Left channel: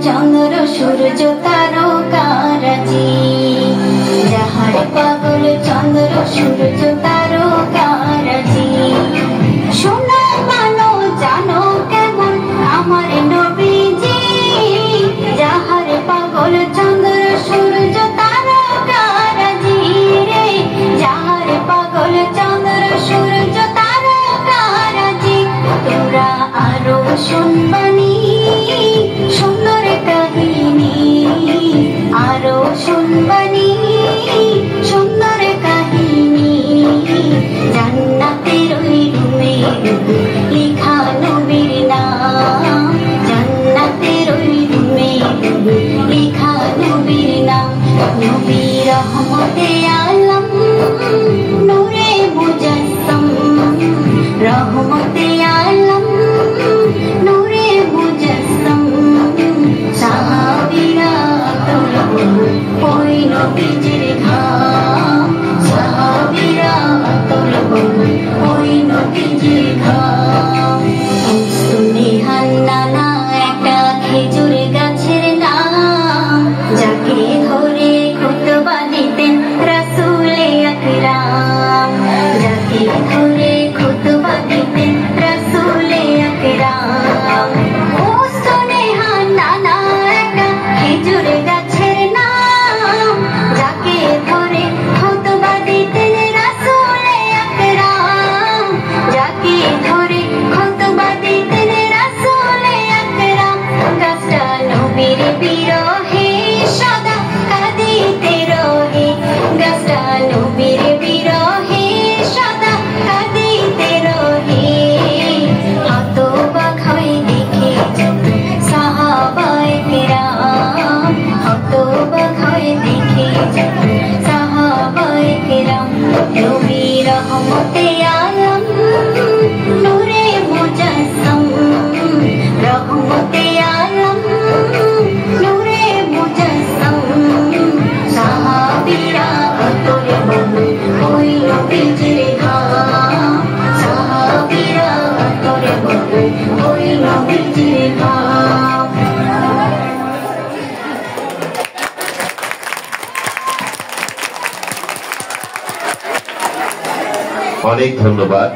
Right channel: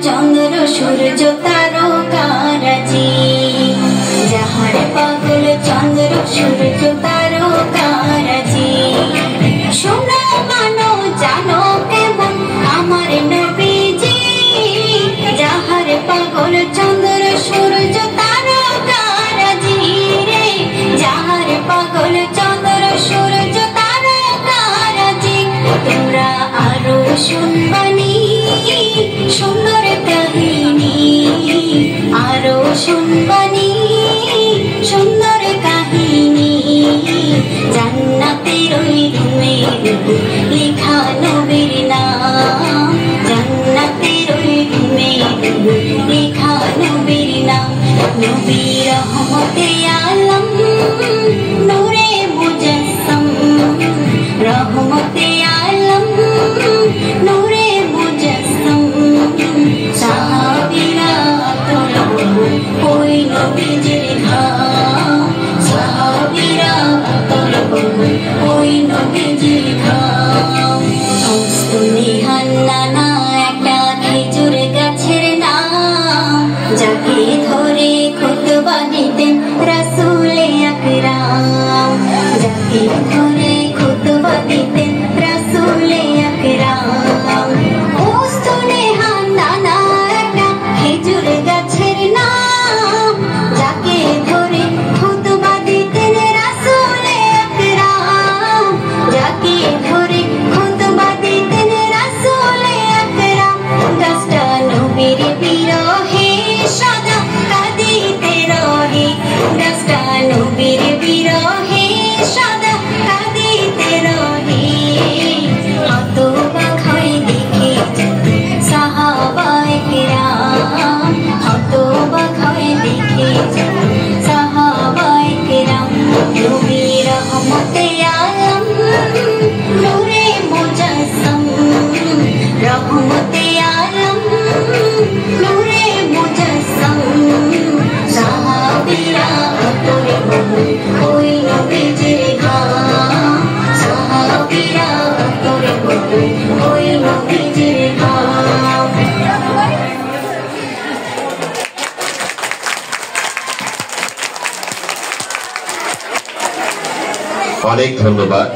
চন্দ্র সূর্য তারকারাজি যাহার পাগল চন্দ্র সূর্য তারকারাজি শোনো মানো জানো কেমন আমার নবীজি যাহার পাগল চন্দ্র সূর্য তারকারাজি রে যাহার পাগল চন্দ্র সূর্য তারকারাজি তোমরা আরো শুনবানি সুন্দর কাহিনী আরো শুনবানি সুন্দর কাহিনী জান্নাতের ওই রুমে লেখা নবীর নাম জান্নাতের ওই রুমে লেখা নবীর নাম নবী রহমতে আলম নূরে মুজাসসাম রহমতে আলম নূরে মুজাসসাম সাহাবীরা তলব ওই নবীজির ঘাম সাহাবীরা তলব ওই নবীজির ঘাম মুস্তনিহান নানা একটা খেজুর গাছের নাম যাকে ধরে খুতবা দিতেন রাসূলে আকরাম যাকে ধরে খুতবা দিতেন রাসূলে আকরাম মুস্তনিহান নানা একটা খেজুর গাছের নাম যাকে ধরে খুতবা দিতেন রাসূলে আকরাম যাকে ধরে খুতবা দিতেন রাসূলে আকরাম গাছটা নবীর বিরহে সদা কাঁদিতে রহে গাছটা নবীর বিরহে সদা কাঁদিতে রহে হতবাক হয়ে দেখে সাহাবায়ে কেরাম হতবাক হয়ে দেখে সাহাবায়ে কেরাম নবী রহমতে আলম নূরে মুজাসসাম রহমতে আলম নূরে মুজাসসাম সাহাবীরা তলব ওই নবীজির ঘাম সাহাবীরা তলব ওই নবীজির ঘাম অনেক ধন্যবাদ।